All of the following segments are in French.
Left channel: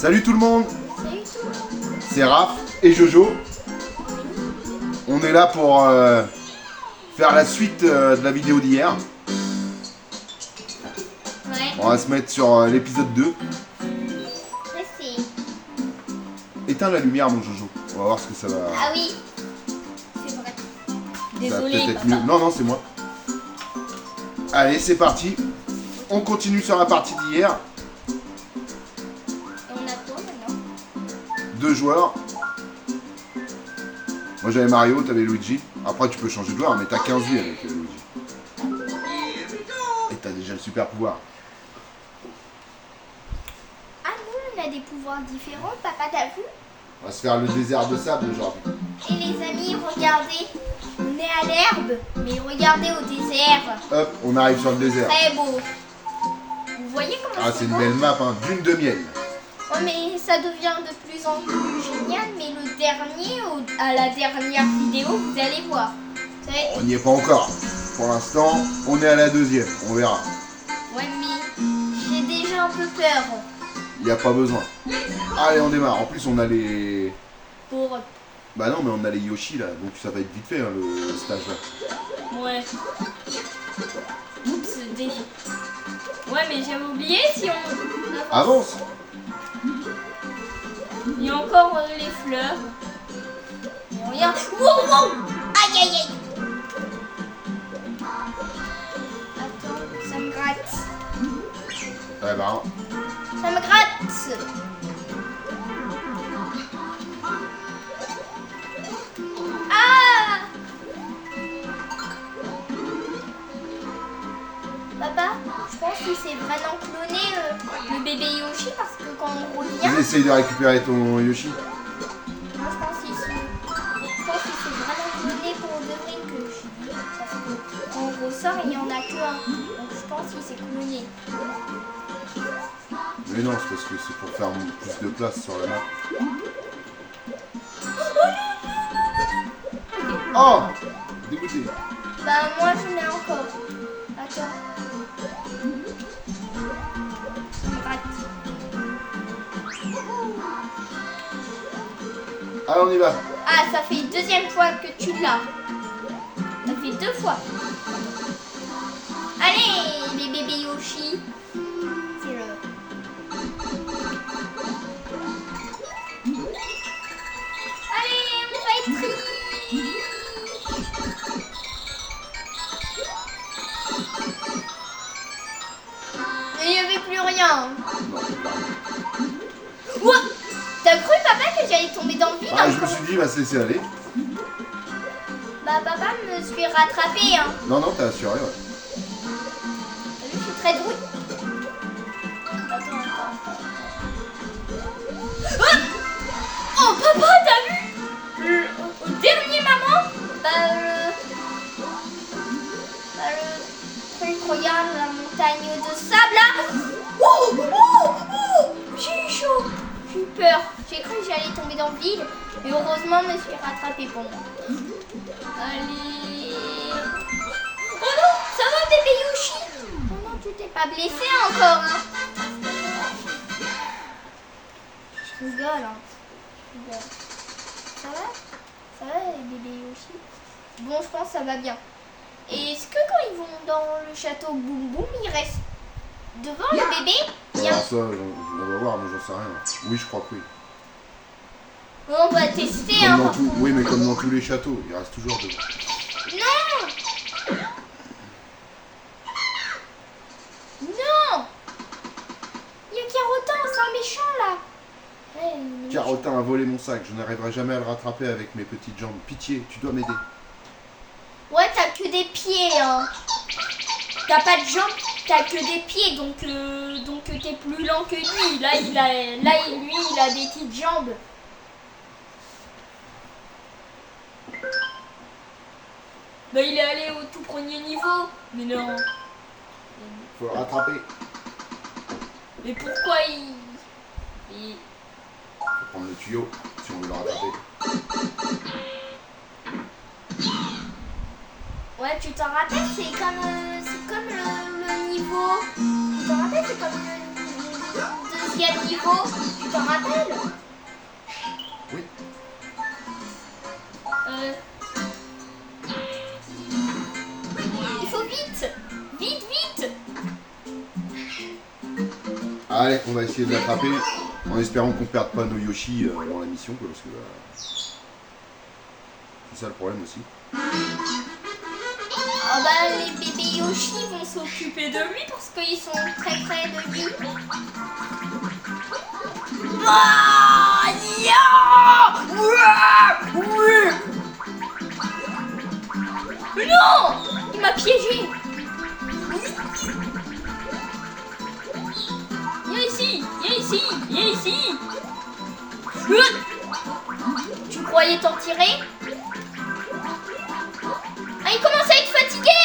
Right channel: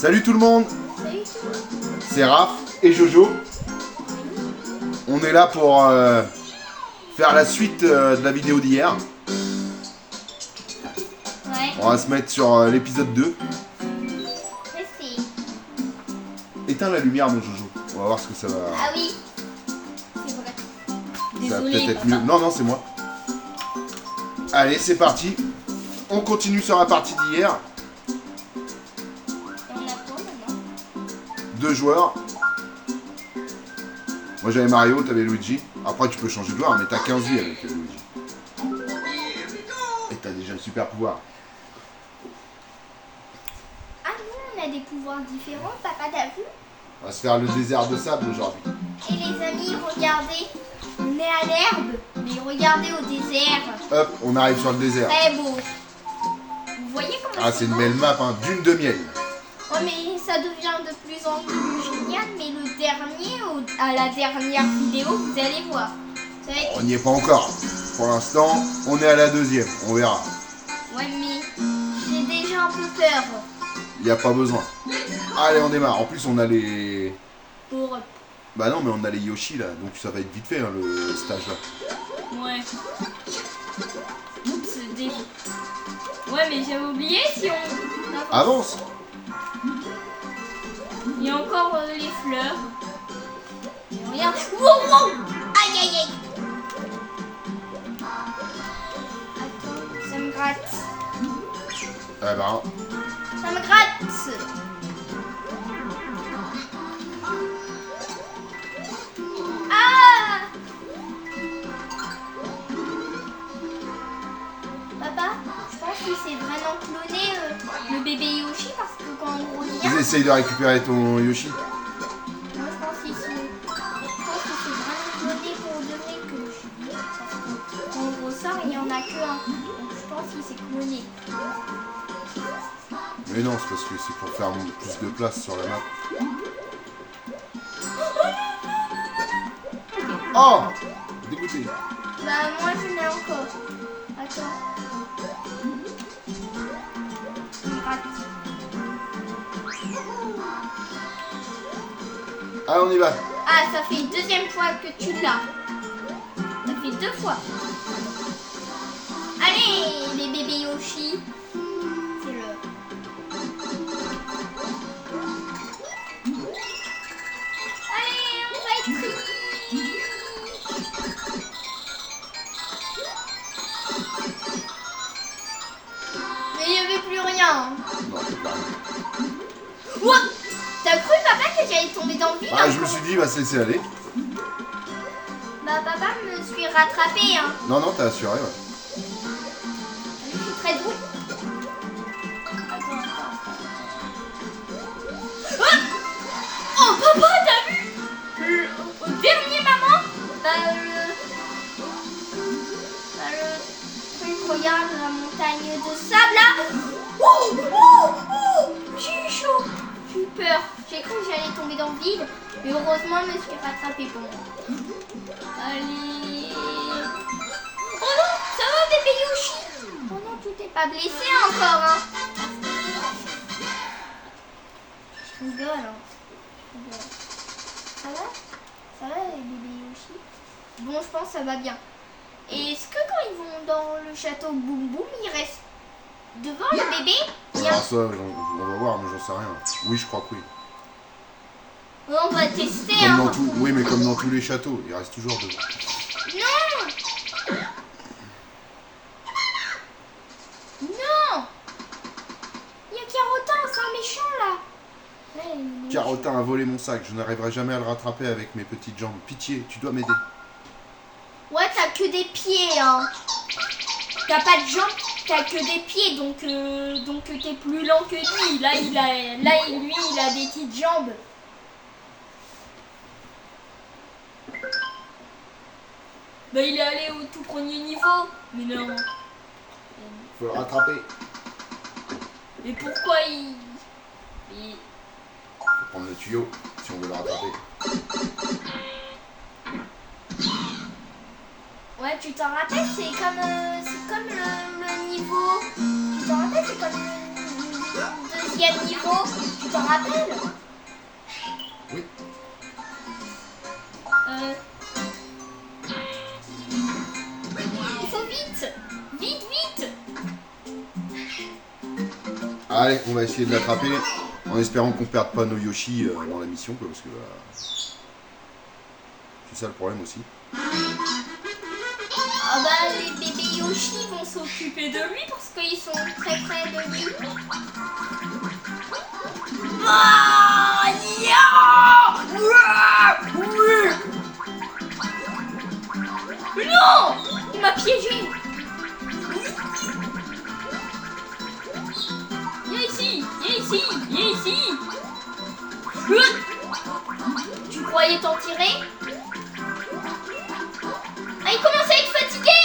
Salut tout le monde, Salut tout le monde. c'est Raph et Jojo. On est là pour faire la suite de la vidéo d'hier. Ouais, On va se mettre sur l'épisode 2. merci. Éteins la lumière mon Jojo, on va voir ce que ça va... Ah oui, c'est vrai. Ça va Désolée, peut-être être papa. mieux. Non, non, c'est moi. Allez, c'est parti. On continue sur la partie d'hier. Et on a quoi maintenant? 2 joueurs. Moi j'avais Mario, t'avais Luigi. Après tu peux changer de joueur, mais t'as 15 vies avec Luigi. Et t'as déjà le super pouvoir. Ah non, on a des pouvoirs différents, papa, t'as vu? On va se faire le désert de sable aujourd'hui. Et les amis, regardez, on est à l'herbe, mais regardez au désert. Hop, on arrive sur le désert. Très beau. Vous voyez comment Ah, c'est une beau? belle map, hein, dune de miel. Ouais, mais ça devient de plus en plus génial, mais le dernier, à la dernière vidéo, vous allez voir. Ça va être... On n'y est pas encore. Pour l'instant, on est à la deuxième, on verra. Ouais, mais j'ai déjà un peu peur. Il n'y a pas besoin. Allez, on démarre. En plus, on a les... Pour... Bah non, mais on a les Yoshi là, donc ça va être vite fait hein, le stage là. Ouais. Ouais, mais j'avais oublié si on... Avance. Il y a encore les fleurs. Et regarde. Wow, wow. Aïe, aïe, aïe. Attends, ça me gratte. Ah bah, Ça me gratte. Ah. Papa, je pense qu'il s'est vraiment cloné le bébé Yoshi parce que quand on revient... ils essayent de récupérer ton Yoshi. Moi, je pense qu'il s'est vraiment cloné pour de vrai que je dis. Parce que quand on ressort, il n'y en a que un. Donc je pense qu'il s'est cloné. Mais non, c'est parce que c'est pour faire plus de place sur la map. Oh, dégoûté. Bah moi je mets encore. Attends. Il me rate. Allez, on y va. Ah, ça fait deuxième fois que tu l'as. Ça fait 2 fois. Allez, les bébés Yoshi. C'est le... Allez, on va être riche. Il n'y avait plus rien. Ouah, t'as cru, papa, que j'allais tomber dans le vide? Ah, je me suis dit, il va se laisser aller. Bah, papa me suis rattrapé, hein. Non, non, t'as assuré, ouais. Je suis très drôle. Ah, oh, papa, t'as vu au dernier moment? Le truc, regarde la montagne de sable là. Oh, oh, oh, j'ai eu chaud. J'ai eu peur. J'ai cru que j'allais tomber dans le vide. Mais heureusement, je me suis rattrapée pour moi. Allez. Oh non, ça va bébé Yoshi? Oh non, tu t'es pas blessé encore, hein? Je rigole, hein. Je rigole. Ça va? Ça va les bébés Yoshi? Bon, je pense que ça va bien. Et est-ce que quand ils vont dans le château Boum Boum, ils restent devant le bébé? Alors ça, on va voir, mais j'en sais rien. Oui, je crois que oui. On va tester, Comme hein. dans tout, oui, mais comme dans tous les châteaux, il reste toujours devant. Non! Non! Il y a Carotin, c'est un méchant là. Ouais, il est Carotin a volé mon sac, je n'arriverai jamais à le rattraper avec mes petites jambes. Pitié, tu dois m'aider. méchant. Ouais, t'as que des pieds, hein. T'as pas de jambes, t'as que des pieds, donc t'es plus lent que lui. Là, lui, il a des petites jambes. Bah, il est allé au tout premier niveau. Mais non. Faut le rattraper. Mais pourquoi il... Faut prendre le tuyau si on veut le rattraper. Ouais, tu t'en rappelles, c'est comme le niveau. Tu t'en rappelles, c'est comme le deuxième niveau. Tu t'en rappelles? Oui. Il faut vite. Vite, vite. Allez, on va essayer de l'attraper en espérant qu'on perde pas nos Yoshi dans la mission, quoi, parce que c'est ça le problème aussi. Ah bah les bébés Yoshi vont s'occuper de lui parce qu'ils sont très près de lui. Ah, non, il m'a piégé. Viens ici, viens ici, viens ici. Tu croyais t'en tirer? Ah, il commence à être fatigué.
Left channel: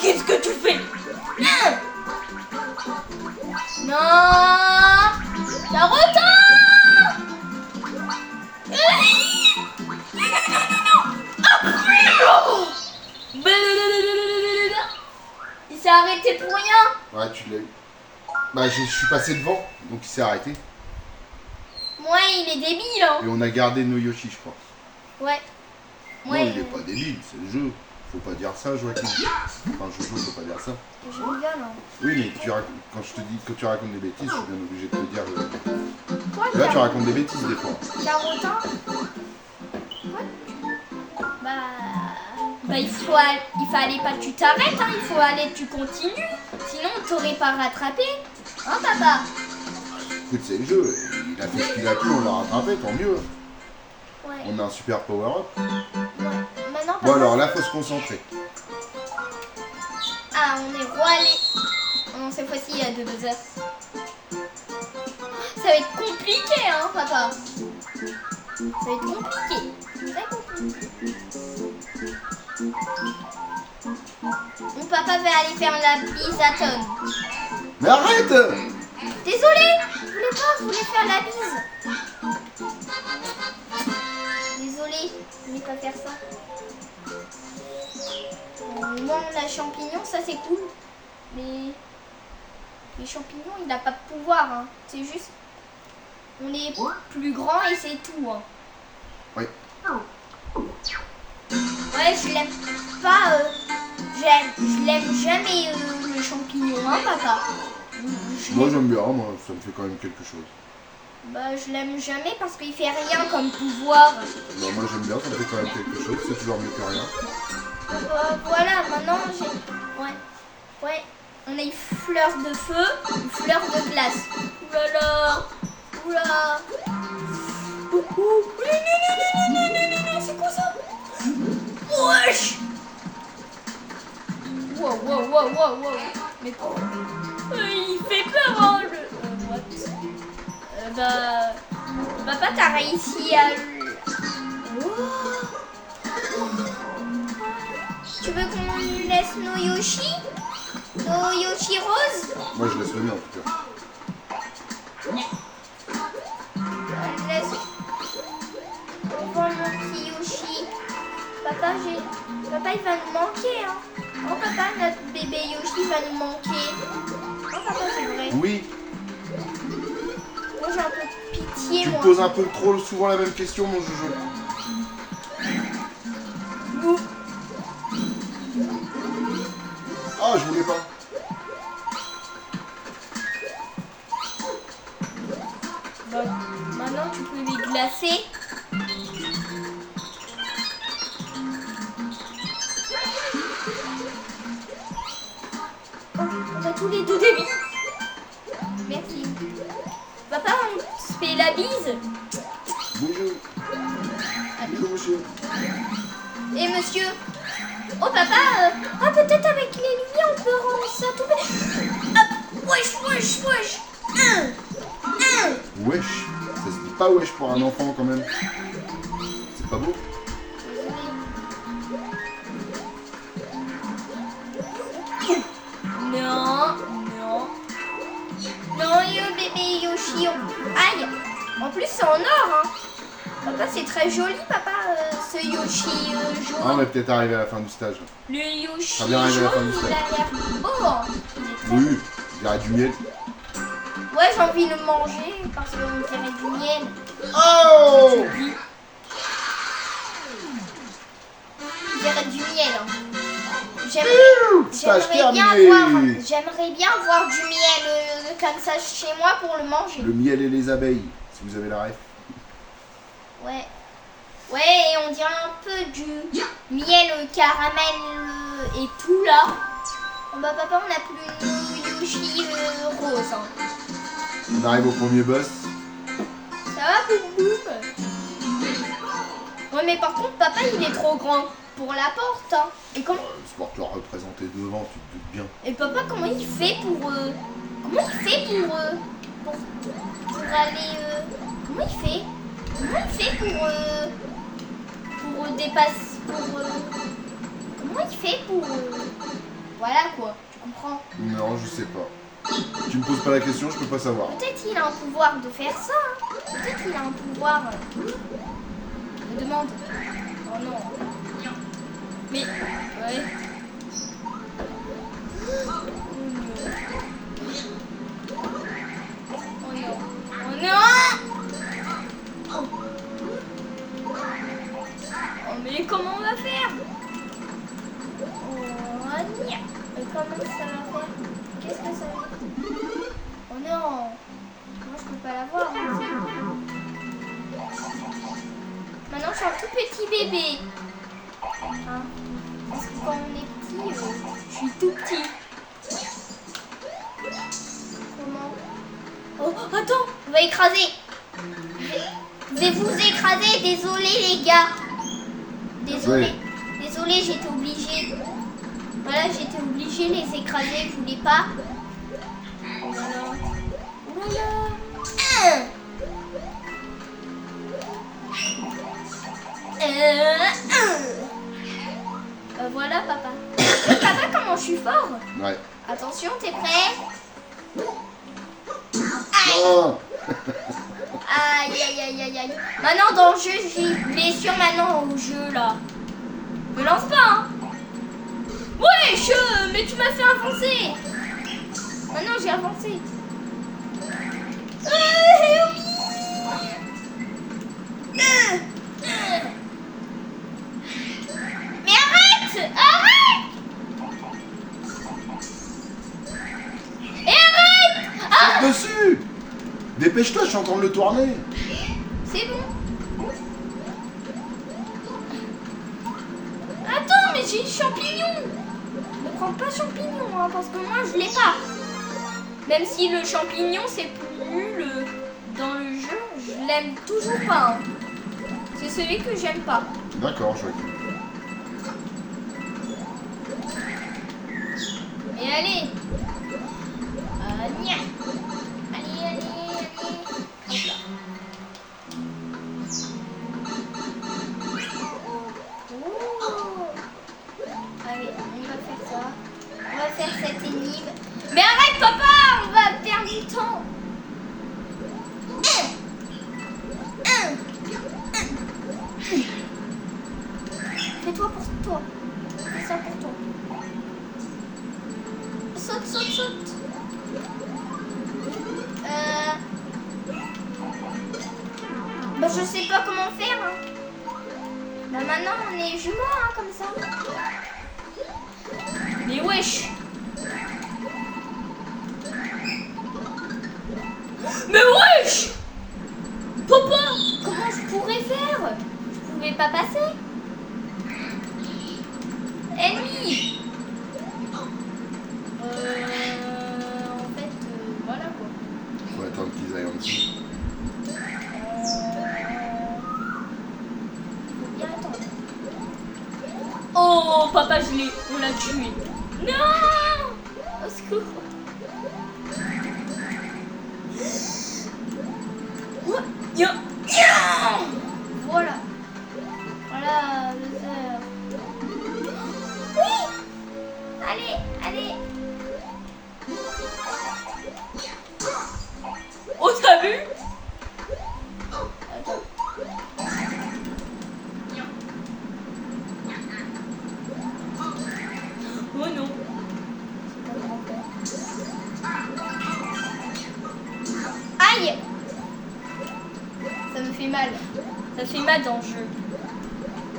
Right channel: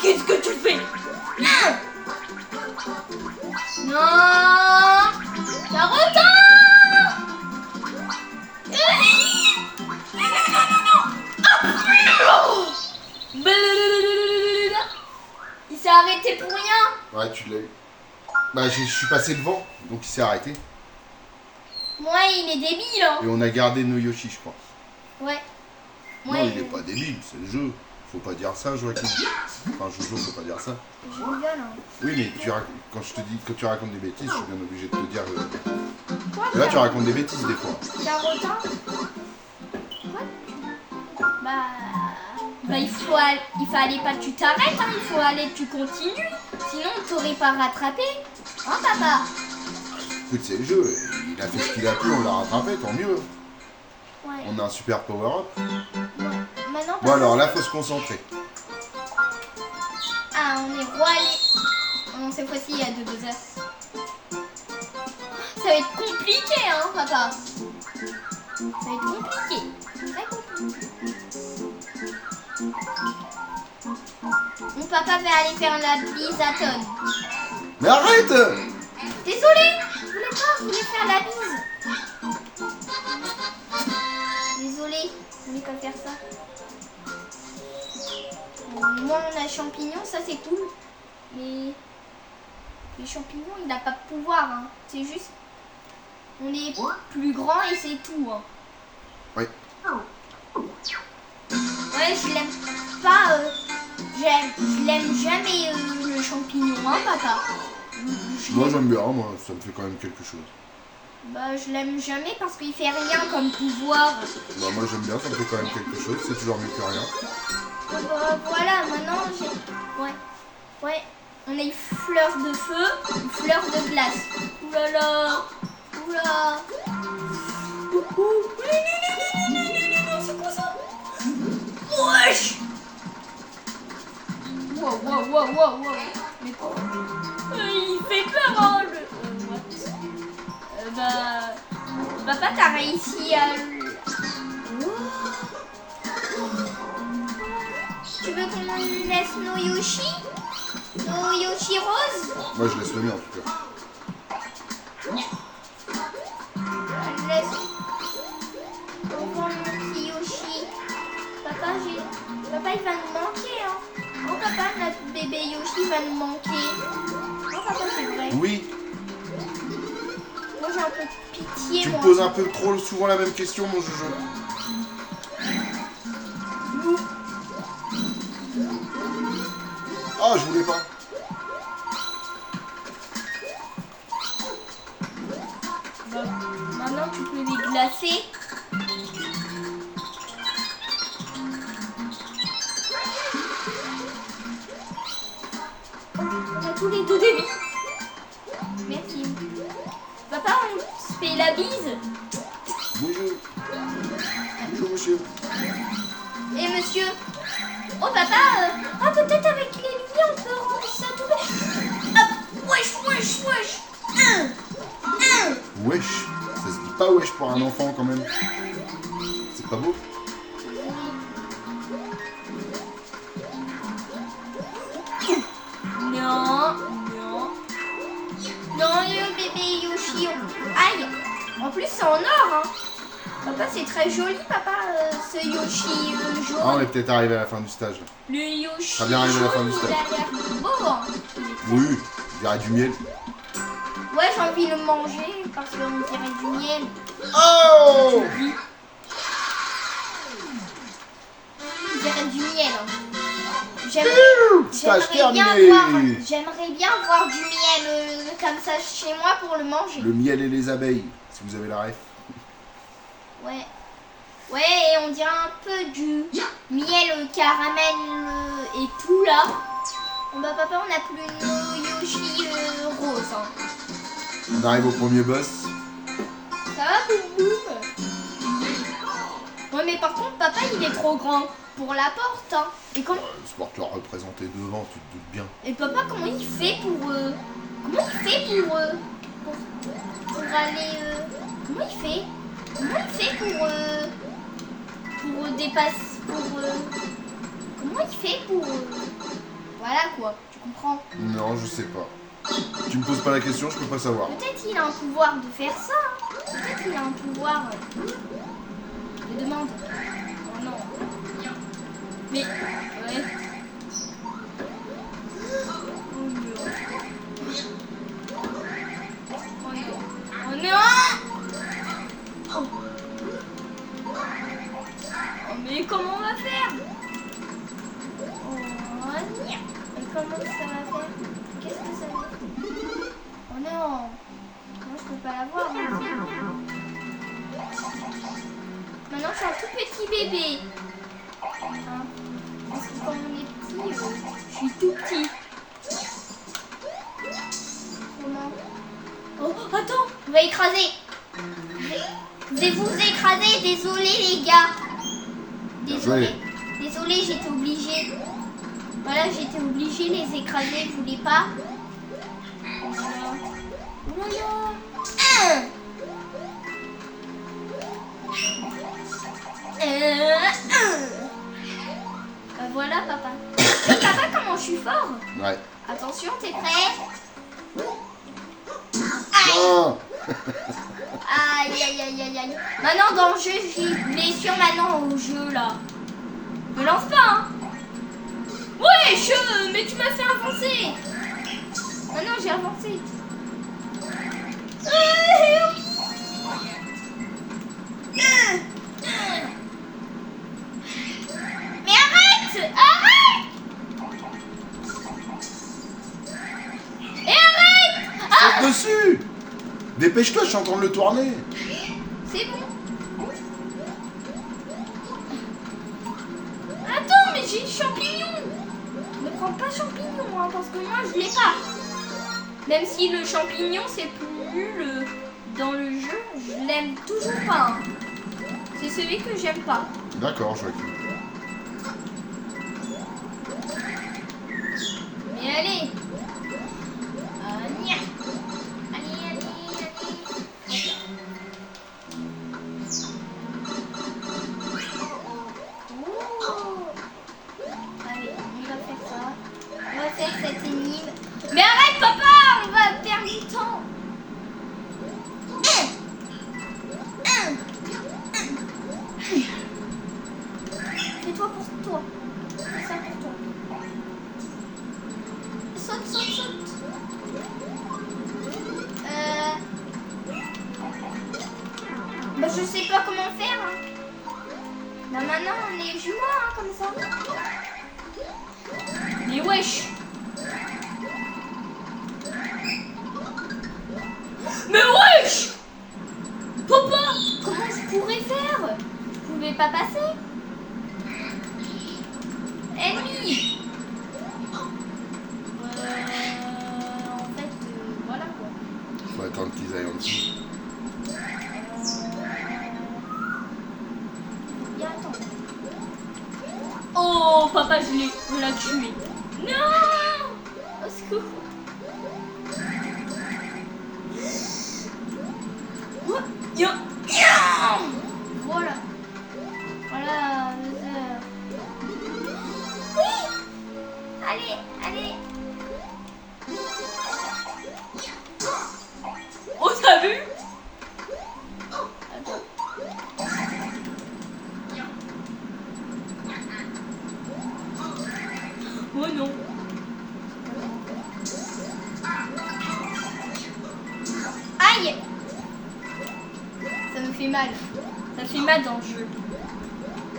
Qu'est-ce que tu fais? Non, Carotin. Il s'est arrêté pour rien. Ouais, tu l'as eu. Bah, je suis passé devant, donc il s'est arrêté. Moi, il est débile, hein. Et on a gardé nos Yoshi, je crois. Ouais. Non, il est pas débile, c'est le jeu. Faut pas dire ça, Joachim. Enfin, Jojo, faut pas dire ça. Je rigole, hein. Oui, mais quand je te dis que tu racontes des bêtises, je suis bien obligé de te dire. Quoi, Là, tu racontes des bêtises des fois. Carotin? Quoi? Bah, il fallait pas que tu t'arrêtes, hein. Il faut aller que tu continues. Sinon, on t'aurait pas rattrapé. Hein, papa? Écoute, c'est le jeu. Il a fait ce qu'il a pu, on l'a rattrapé, tant mieux. Ouais. On a un super power-up. Maintenant, Bon, papa. alors là, faut se concentrer. Ah, on est roi les... Non, cette fois-ci, il y a 2 buzzers. Ça va être compliqué, hein, papa. Ça va être compliqué. Très compliqué. Mon papa va aller faire la bise à Tom. Mais arrête! Désolé, je voulais faire la bise. Désolé, je voulais pas faire ça. Moi, on a champignon, ça c'est cool. Mais les champignons, il n'a pas de pouvoir. Hein. C'est juste, on est plus grand et c'est tout. Hein. Oui. Ouais, je l'aime pas. Je l'aime jamais le champignon, hein, papa. Moi, j'aime bien, moi, ça me fait quand même quelque chose. Bah, je l'aime jamais parce qu'il fait rien comme pouvoir. Bah, moi, j'aime bien, ça me fait quand même quelque chose, c'est toujours mieux que rien. Voilà, maintenant j'ai. Ouais. Ouais. On a une fleur de feu, une fleur de glace. Oulala. Oula. C'est quoi ça? Wesh. Wow, wow, wow, wow, wow. Mais quoi? Il fait peur, hein, what? Papa, t'as réussi à... Tu veux qu'on laisse nos Yoshi? Nos Yoshi roses? Moi, je laisse le mien, en tout cas. On laisse... On voit mon petit Yoshi. Papa, Papa, il va nous manquer, hein. Oh, papa, notre bébé Yoshi va nous manquer. Oh, papa, c'est vrai. Oui, Moi, j'ai un peu de pitié, tu me moi. poses un peu trop souvent la même question, mon Jojo. Ah, je voulais pas. Bon, maintenant, tu peux les glacer. On a tous les deux des billes. Merci. Papa, on se fait la bise. Bonjour. Bonjour, monsieur. Et monsieur? Oh papa, peut-être avec les lumières on peut rendre ça tout bête. Hop, wesh, wesh, wesh. Wesh. Ça se dit pas wesh pour un enfant, quand même. C'est pas beau? Non, non. Non, le bébé Yoshi. Aïe. En plus, c'est en or, hein. Papa, c'est très joli, papa, ce Yoshi Ah, on jaune. est peut-être arrivé à la fin du stage. Le Yoshi Ça vient arriver à la fin jaune, du il a stage. l'air beau. Hein. Il est très Oui, il y a du miel. Ouais, j'ai envie de le manger parce qu'on dirait du miel. Oh! Oui. On dirait du miel. Hein. Stage J'aimerais bien voir du miel comme ça chez moi pour le manger. Le miel et les abeilles, si vous avez la ref. Ouais. Ouais, et on dirait un peu du miel caramel et tout là. Bon bah papa, on n'a plus le Yoshi rose. Hein. On arrive au premier boss. Ça va, boum boum? Ouais, mais par contre, papa, il est trop grand pour la porte. Hein. Et comment... C'est pour te le représenter devant, tu te doutes bien. Et papa, comment il fait pour... Comment il fait pour aller... Comment il fait? Comment il fait pour dépasser... comment il fait pour... voilà quoi, tu comprends? Non, je sais pas. Tu me poses pas la question, je peux pas savoir. Peut-être il a un pouvoir de faire ça. Hein. Peut-être il a un pouvoir... Je demande. Oh non. Mais... ouais. Oh non. Oh non. Oh. Oh mais comment on va faire? Oh nia. Et comment ça va faire? Qu'est-ce que ça veut dire? Oh non. Moi je peux pas l'avoir. Maintenant je suis un tout petit bébé. Hein? Parce que quand on est petit, je suis tout petit. Comment? Oh, attends, on va écraser. Je vais vous écraser, désolé les gars. Désolé. Désolé, j'étais obligée. Voilà, j'étais obligée de les écraser, je voulais pas. Oh là là. Oh là là. Voilà papa. Papa, comment je suis fort? Ouais. Attention, t'es prêt? Non! Aïe aïe aïe aïe aïe. Maintenant dans le jeu, j'ai blessure maintenant au jeu là. Me lance pas hein. Ouais, mais tu m'as fait avancer. Maintenant j'ai avancé. Mais arrête! Arrête! Et arrête! Ah! Saute dessus! Dépêche-toi, je suis en train de le tourner. C'est bon. Attends, mais j'ai le champignon. Ne prends pas champignon, hein, parce que moi je l'ai pas. Même si le champignon c'est plus dans le jeu, je l'aime toujours pas. Hein. C'est celui que j'aime pas. D'accord, je vois. Et allez. Nia. Allez, allez, allez. Oh. Allez, on va faire ça. On va faire cette énigme. Mais arrête, papa, on va perdre du temps. Fais-toi pour toi. Fais ça pour toi. Saute, saute, saute. Bah, je sais pas comment faire. Hein. Bah, maintenant, on est jumeaux, hein, comme ça. Mais wesh. Mais wesh. Papa, comment je pourrais faire? Je pouvais pas passer. Ennemi. En fait, voilà quoi. Faut attendre qu'ils aillent en dessous. Faut bien attendre. Oh, papa, on l'a tué. Non! Au secours. Oh, yeah. Yeah. Voilà. Voilà, oui! Allez, allez. Oh, t'as vu? Attends. fait mal. Ça fait mal dans le jeu.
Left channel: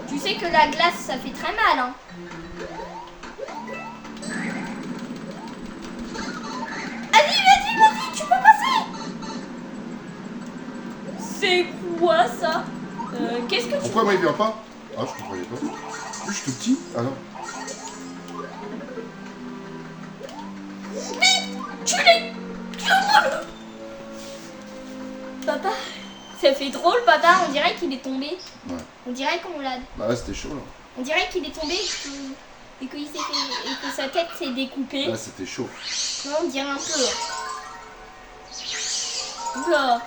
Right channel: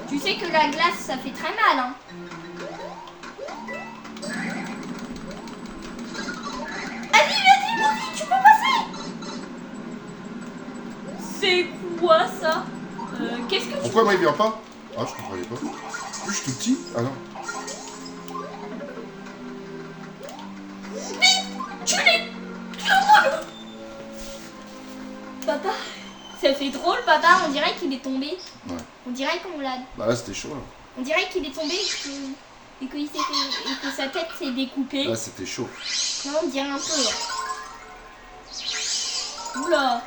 Tu sais que la glace, ça fait très mal, hein. Vas-y, tu peux passer. C'est quoi ça? Qu'est-ce que tu... Pourquoi moi il vient pas? Ah, je comprenais pas. Je suis tout petit? Ah non. Tu l'es... Papa, ça fait drôle, papa. On dirait qu'il est tombé. Ouais. On dirait qu'on l'a... Bah là c'était chaud là. On dirait qu'il est tombé et que sa tête s'est découpée. Là c'était chaud. Non, on dirait un peu. Oula.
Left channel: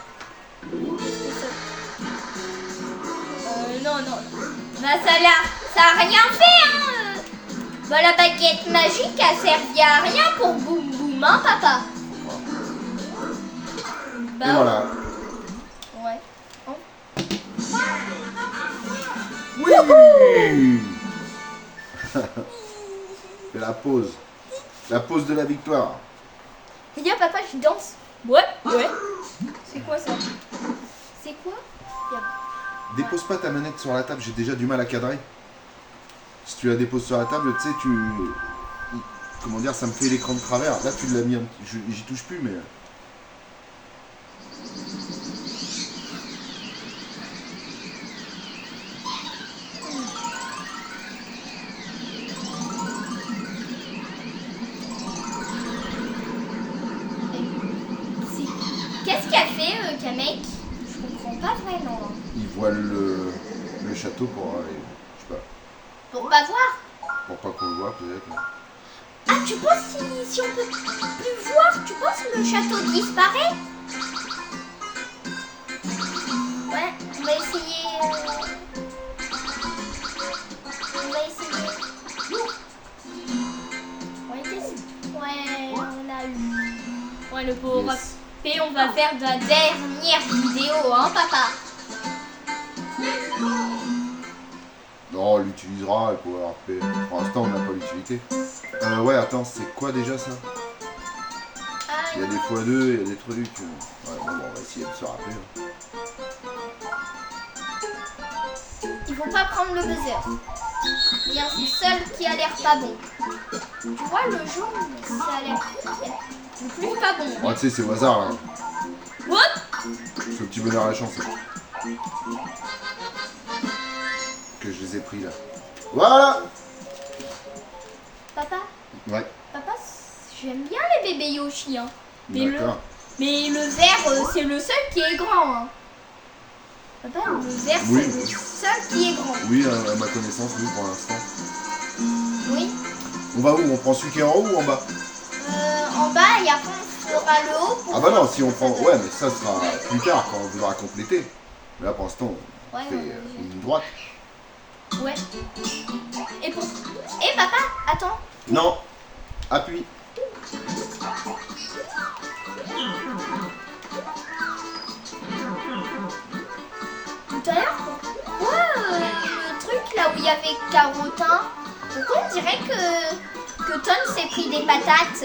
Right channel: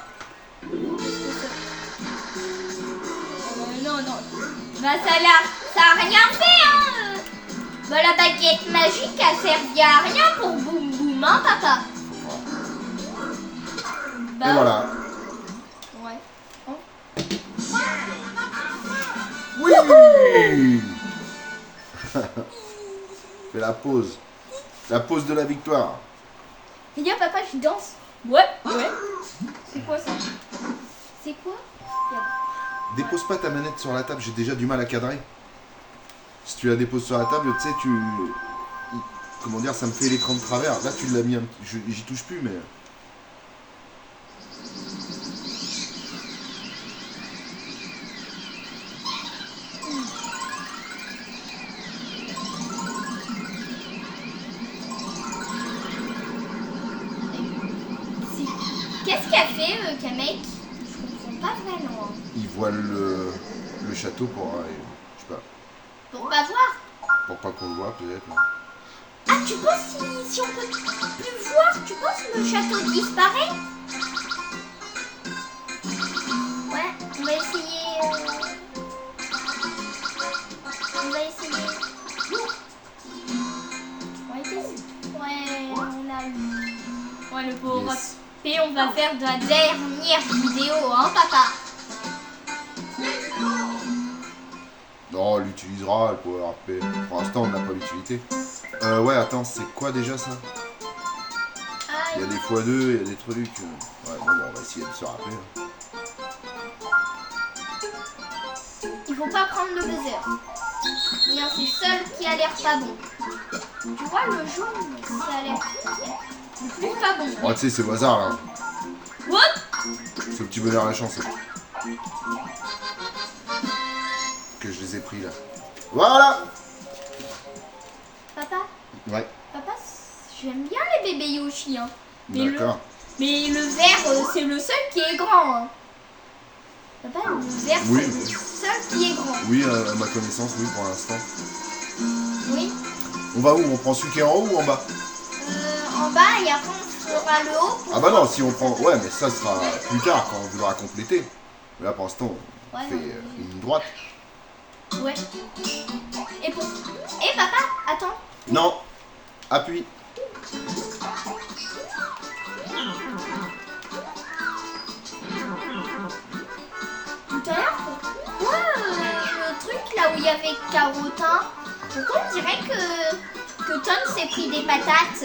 Non. Bah ça a rien fait, hein. Bah la baguette magique a servi à rien pour Boum Boum, hein, papa. Bah, Et voilà. Ouais. Oh. Oui. Fais la pause. La pause de la victoire. Regarde, papa, je danse. Ouais. C'est quoi ça? C'est quoi? Dépose pas ta manette sur la table, j'ai déjà du mal à cadrer. Si tu la déposes sur la table, tu sais, comment dire, ça me fait l'écran de travers. Là, tu l'as mis, j'y touche plus, mais... Qu'est-ce qu'a fait, Kamek? Je comprends pas vraiment. Il voile le château pour... je sais pas, Pour pas voir. pour pas qu'on le voit, peut-être. Mais... Ah, tu penses si on peut plus voir, tu penses que le château disparaît? Ouais, on va essayer. On va essayer. Ouais, on a eu. Ouais, le pauvre. Yes. Et on va faire de la dernière vidéo, hein, papa? Non, on l'utilisera, le Power RP. Pour l'instant, on n'a pas l'utilité. Ouais, attends, c'est quoi déjà ça? Il y a des x2, il y a des trucs. Ouais, bon, on va essayer de se rappeler. Il faut pas prendre le buzzer. Regarde, c'est le seul qui a l'air pas bon. Tu vois, le jaune, ça a l'air le plus pas bon. Oh, tu sais, c'est au hasard là. What? Ce petit bonheur à la chance. Que je les ai pris là. Voilà! Papa, Ouais, j'aime bien les bébés Yoshi, hein. d'accord. Mais le vert, c'est le seul qui est grand, hein. Papa, le vert, Oui. c'est le seul qui est grand. Oui, à ma connaissance, oui, pour l'instant. Oui. On va où? On prend celui qui est en haut ou en bas? En bas, et après, on fera le haut. Pour Ah bah non, si on prend... Ouais, mais ça sera plus tard, quand on voudra compléter. Mais là, pour l'instant, on fait une ligne droite. Ouais. Et papa, attends. Non. Appuie. Tout à l'heure, pourquoi le truc là où il y avait Carotin, pourquoi on dirait que Tom s'est pris des patates?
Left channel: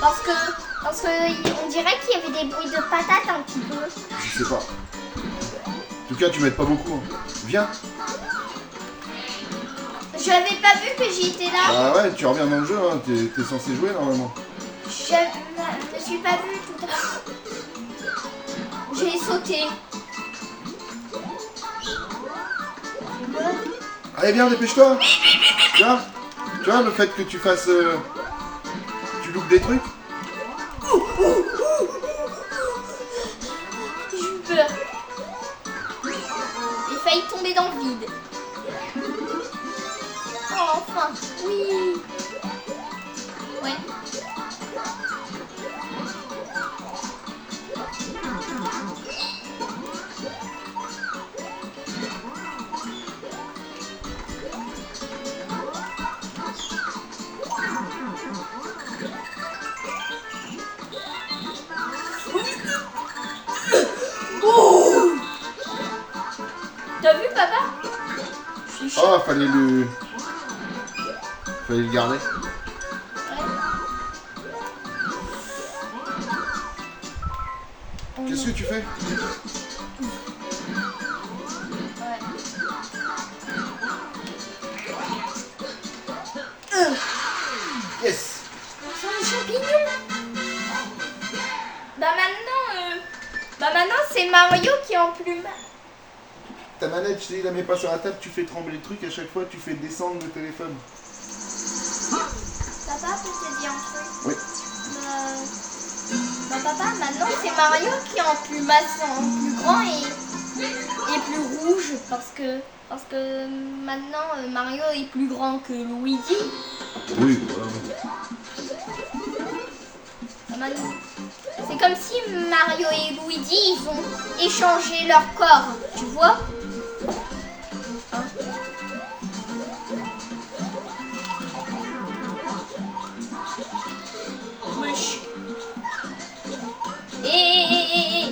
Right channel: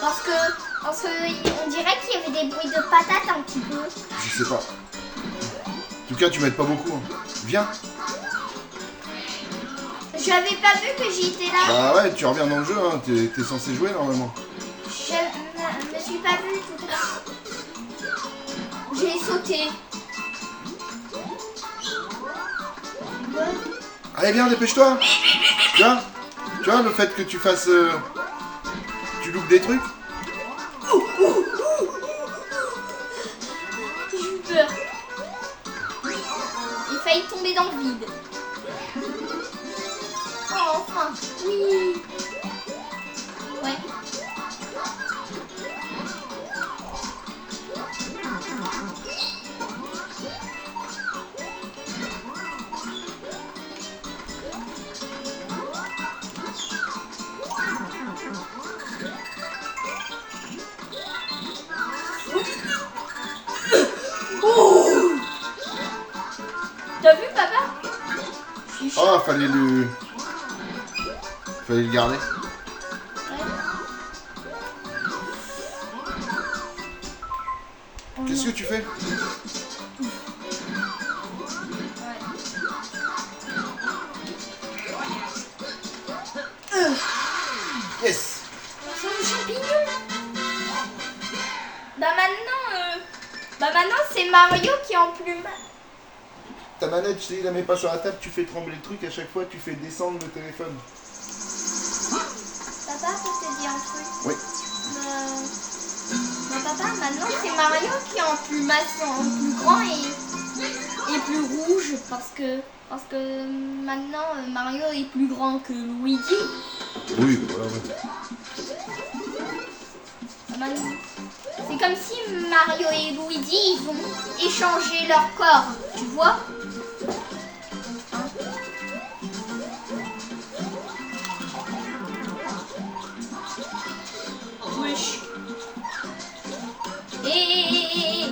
Parce que on dirait qu'il y avait des bruits de patates un petit peu. Je sais pas. En tout cas, tu m'aides pas beaucoup. Hein. Viens. J'avais pas vu que j'étais là. Bah ouais, tu reviens dans le jeu, hein. T'es censé jouer normalement. Je me suis pas vue tout à l'heure. J'ai sauté. Allez, viens, dépêche-toi. Tu vois le fait que tu fasses... tu loupes des trucs? J'ai eu peur. J'ai failli tomber dans le vide. Oh, enfin, oui. Ouais. T'as vu, papa? Je suis chaud. Oh, fallait le garder. Ouais. Qu'est-ce que tu fais? champignons. Bah maintenant c'est Mario qui emplume. Ta manette, tu sais, la mets pas sur la table, tu fais trembler le truc, à chaque fois tu fais descendre le téléphone. Papa, peut te dire un truc? Oui. Papa, maintenant c'est Mario qui emplume en plus grand et plus rouge parce que maintenant Mario est plus grand que Luigi. Oui, voilà. C'est comme si Mario et Luigi ils ont échangé leur corps, tu vois? Hein? Wesh. Eh.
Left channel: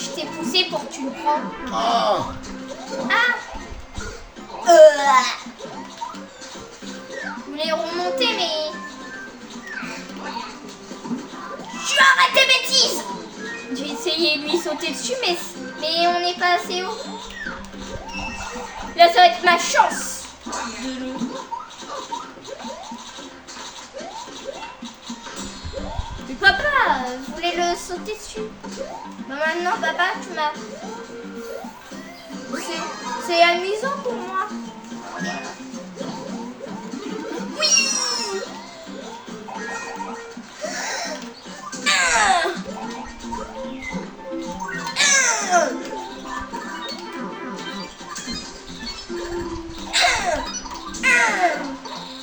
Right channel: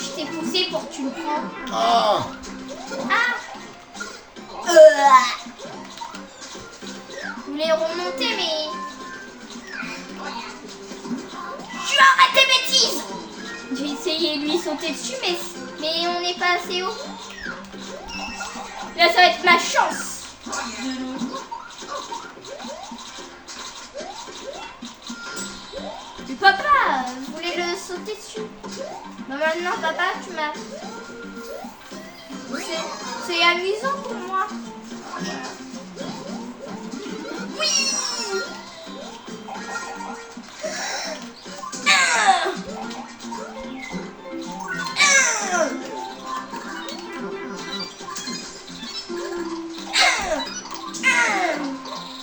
Je t'ai poussé pour que tu le prends. Ah! Je voulais remonter, mais... Tu arrêtes tes bêtises! J'ai essayé de lui sauter dessus, mais on n'est pas assez haut. Là, ça va être ma chance. Mais papa, je voulais le sauter dessus. Bah maintenant, papa, tu m'as... C'est amusant pour moi. Oui!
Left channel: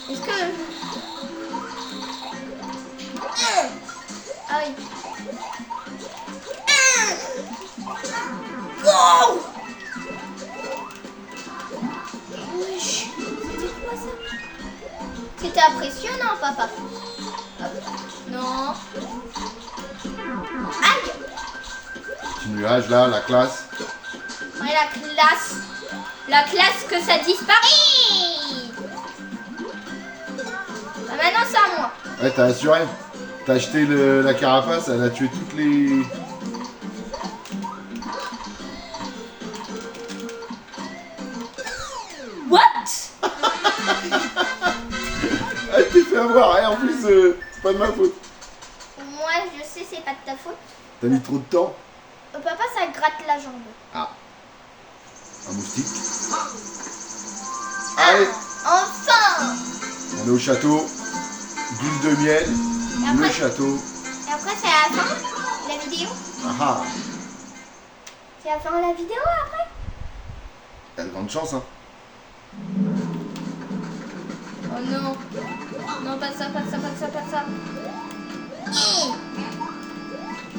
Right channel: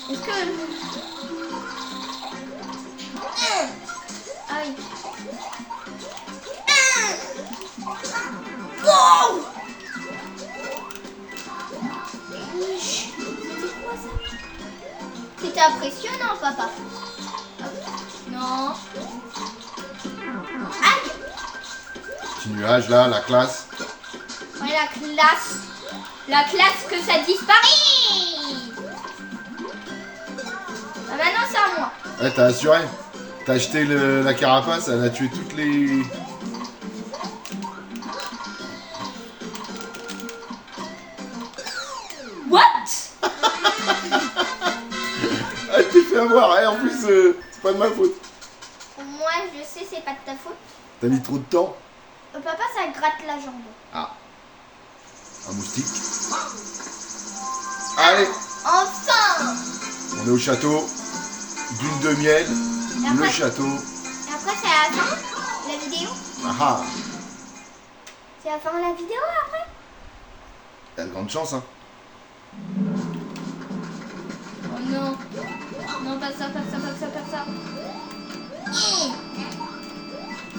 Est-ce que... Ah oui. Wow! C'était impressionnant, papa. Non. Aïe! Petit nuage là, la classe. Ouais, la classe que ça disparaît. Bah, maintenant c'est à moi. Ouais, t'as assuré. T'as acheté la carapace, elle a tué toutes les... What? Ah, je t'ai fait avoir, hein, en plus, c'est pas de ma faute. Moi, je sais, c'est pas de ta faute. T'as mis trop de temps. Papa, ça gratte la jambe. Ah. Un moustique. Allez, Enfin! on est au château. Boule de miel, le château. Et après, c'est à la fin la vidéo? Ah ah. C'est à la fin la vidéo après? T'as de grandes chances, hein. Oh non. Non, pas ça.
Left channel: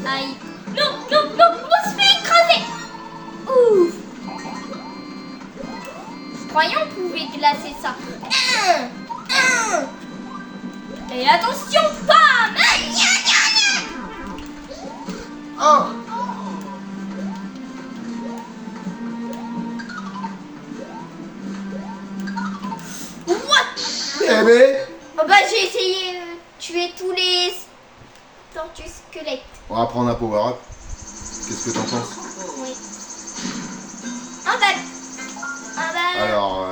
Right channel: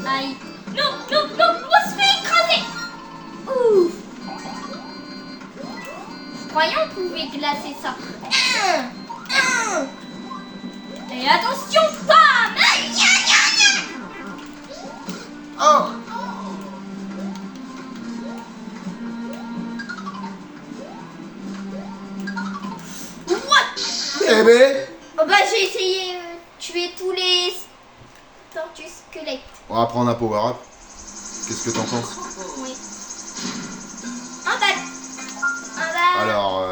Aïe. Non, on se fait écraser. Ouf. Je croyais qu'on pouvait glacer ça. Et attention, bam! Oh. What? Eh ben. Oh bah j'ai essayé de tuer tous les tortues squelettes. On va prendre un power-up. Qu'est-ce que t'en penses? Oui. Ah bah... Alors,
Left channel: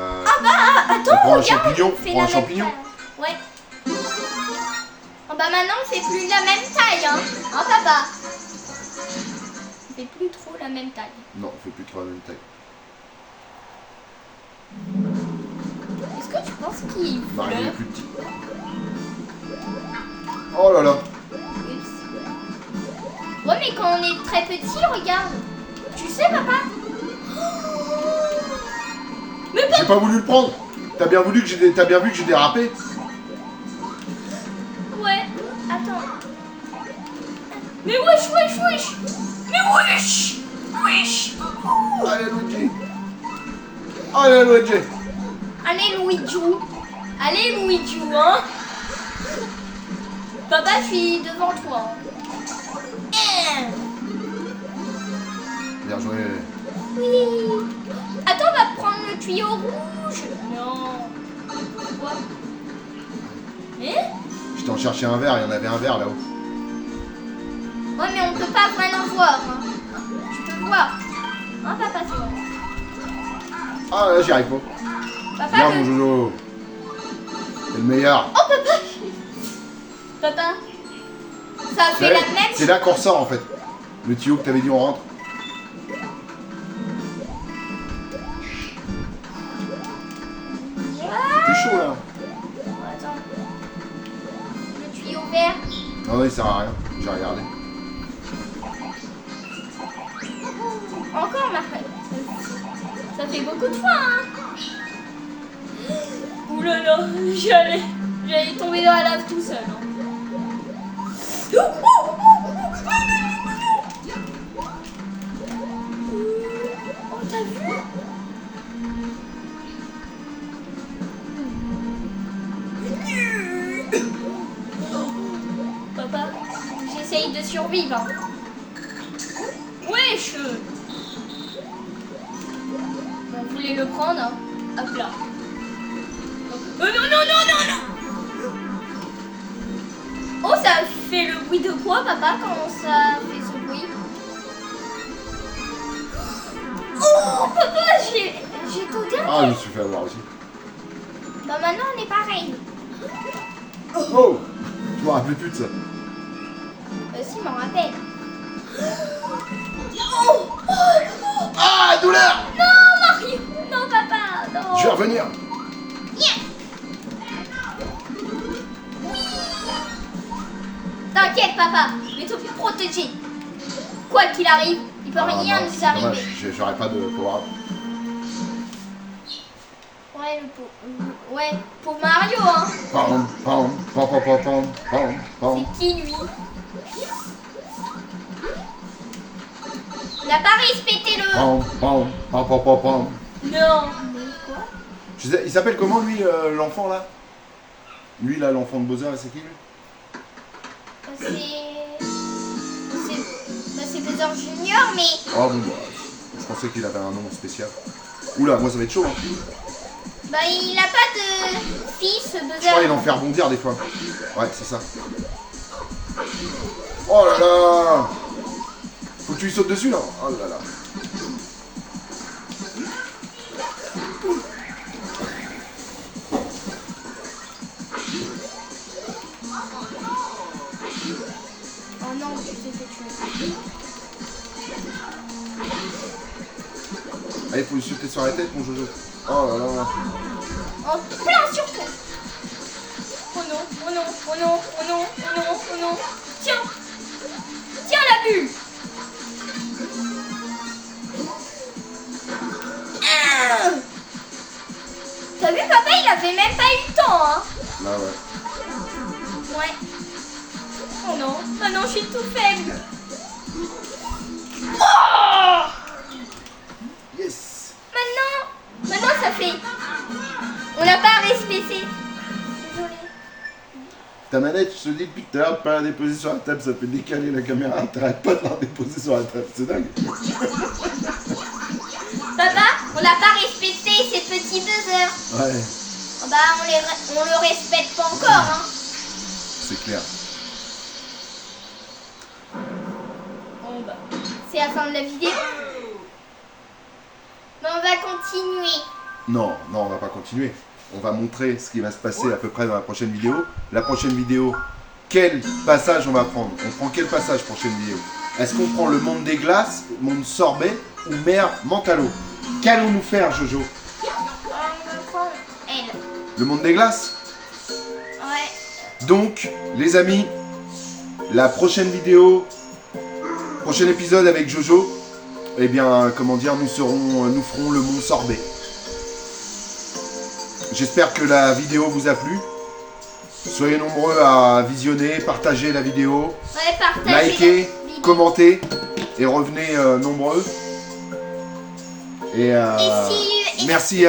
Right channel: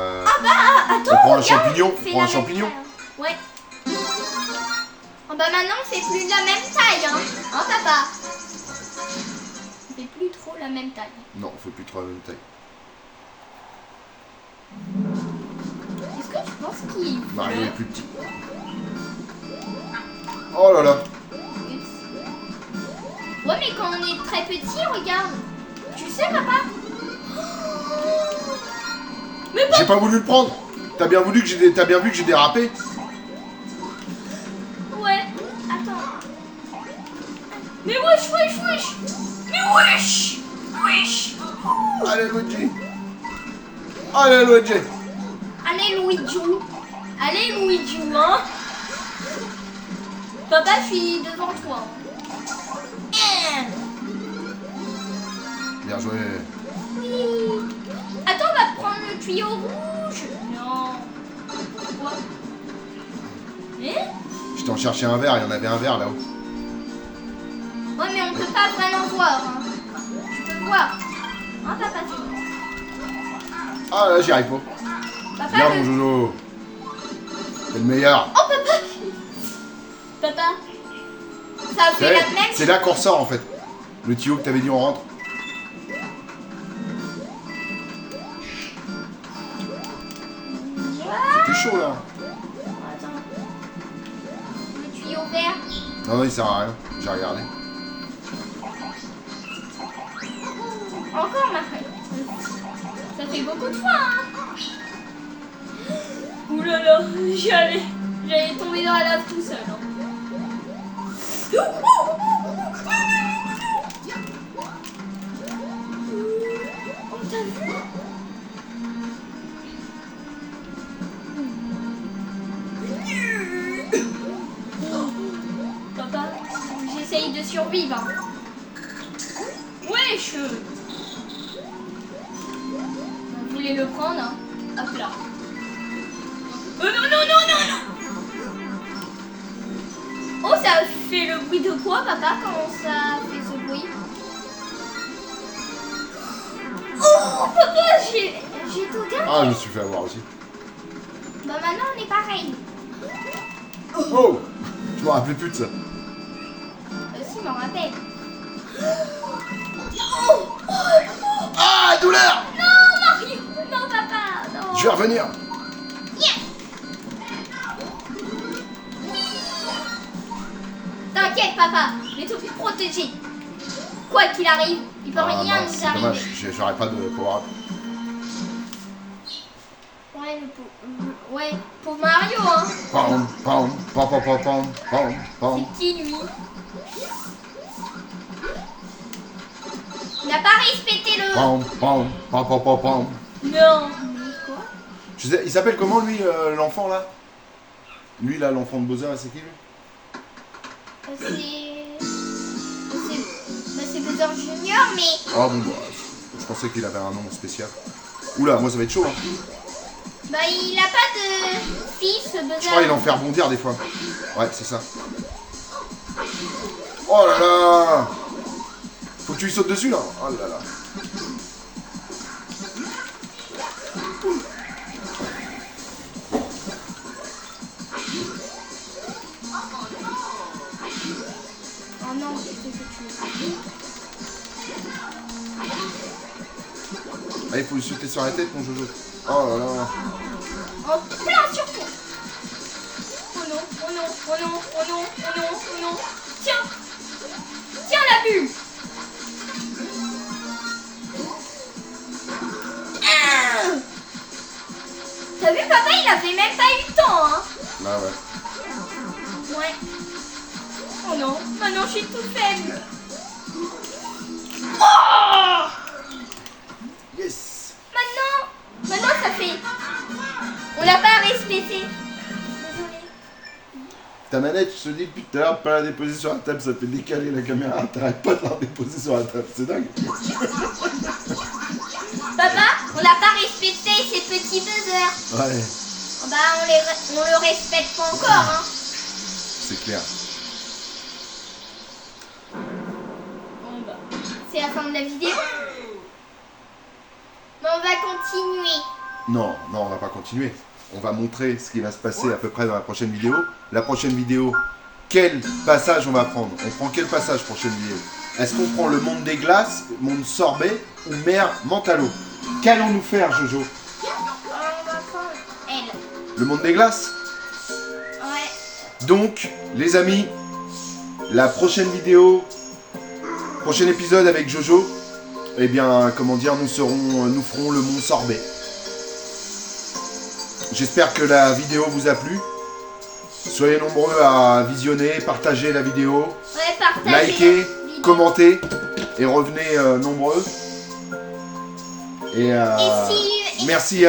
attends, on prend un regarde, champignon. on fait Prends un la même champignon. taille. Ouais. Oh bah maintenant on fait plus la même taille, hein. Hein papa? On fait plus trop la même taille. Non, on fait plus trop la même taille. Est-ce que tu penses qu'il... Bah, il est plus petit. Oh là là. Oups. Ouais mais quand on est très petit, regarde. Tu sais papa? Mais J'ai pas voulu le prendre. T'as bien vu que j'ai dérapé. Ouais, attends. Mais wesh. Mais wesh. Allez, Luigi. Allez, Luigi. Allez Luigi, hein. Papa, je suis devant toi. Bien joué. Oui. Attends, on va prendre le tuyau rouge. Non. Pourquoi? Je t'en cherchais un verre, il y en avait un verre là-haut. Ouais, mais on peut pas vraiment voir. Hein. Tu peux voir. Hein, papa, c'est bon. Ah là, j'y arrive pas. Papa, Viens, mon Jojo. C'est le meilleur. Oh, papa. Papa. Ça a fait la même. C'est là qu'on ressort en fait. Le tuyau que t'avais dit on rentre. T'es chaud là. Attends. Le tuyau vert. Non, non, il sert à rien. J'ai regardé. Encore, Marc. Ça fait beaucoup de fois, hein. Ouh là là, j'allais tomber dans la lave tout seul. Hein. Oh, t'as vu? Papa, j'essaye de survivre. Wesh! Vous voulez me prendre, hein? Hop là. Oh non, non, non, non, non! Oh, ça fait le bruit de quoi, papa, quand ça fait ce bruit? Oh, papa, j'ai tout dernier. Ah, je me suis fait avoir aussi. Bah maintenant, on est pareil. Oh! Je me rappelais plus de ça. Si, je m'en rappelle. Oh, oh, Ah, douleur! non, Mario! Non, papa, non! Je vais revenir. T'inquiète, papa, je vais te protéger. Quoi qu'il arrive, il peut Ah, rien non, nous c'est arriver. dommage, j'aurais pas de pouvoir. Ouais, ouais, pour Mario, hein. Pam, pam, pam, pam, pam, pam, pam, pam. C'est qui, lui? Il n'a pas respecté le... Pam, pam, pam, pam, pam, pam. Non. Quoi? Il s'appelle comment lui, l'enfant là? Lui là, l'enfant de Bowser, c'est qui lui? C'est Bowser Junior, mais... Oh bon, bah, je pensais qu'il avait un nom spécial. Oula, moi ça va être chaud hein. Bah, il a pas de fils, Bowser. Je crois qu'il en fait rebondir des fois. Ouais, c'est ça. Oh là là! Faut que tu lui sautes dessus là. Oh là là. Oh non, je sais que tu veux. Ah, il faut lui sauter sur la tête, mon Jojo. Oh là là. Oh, là, surtout. Oh non, oh non, oh non, oh non, oh non, oh non. Tiens. Tiens la bulle. T'as vu, papa, il avait même pas eu le temps, hein. Là, ouais. Ouais. Oh non, maintenant je suis toute faible. Oh! Yes! Maintenant ça fait... On l'a pas respecté. Désolée. Ta manette, je te dis depuis tout à l'heure, de pas la déposer sur la table, ça fait décaler la caméra. T'arrêtes pas de la déposer sur la table, c'est dingue. Papa, on n'a pas respecté ces petits buzzers. Ouais, Bah on le respecte pas encore, hein. c'est clair. Bon bah, c'est la fin de la vidéo. Mais on va continuer. Non, non, on va pas continuer. On va montrer ce qui va se passer à peu près dans la prochaine vidéo. La prochaine vidéo, quel passage on va prendre? On prend quel passage prochaine vidéo? Est-ce qu'on prend le monde des glaces, monde sorbet ou mer Mentalo? Qu'allons-nous faire, Jojo? On va prendre elle. Le monde des glaces? Ouais. Donc, les amis, la prochaine vidéo, prochain épisode avec Jojo, eh bien, comment dire, nous ferons le monde sorbet. J'espère que la vidéo vous a plu. Soyez nombreux à visionner, partager la vidéo, Ouais, partagez likez, la vidéo. commentez et revenez nombreux. Et, merci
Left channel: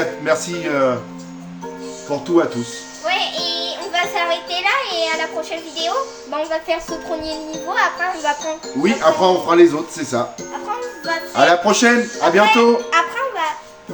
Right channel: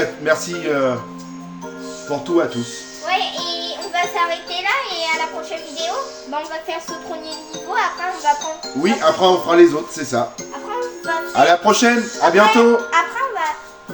pour tout à tous. Ouais, et on va s'arrêter là et à la prochaine vidéo, bah, on va faire ce premier niveau. Après, on va prendre. Oui, après on fera les autres, c'est ça. Après, on va faire... À la prochaine, à bientôt.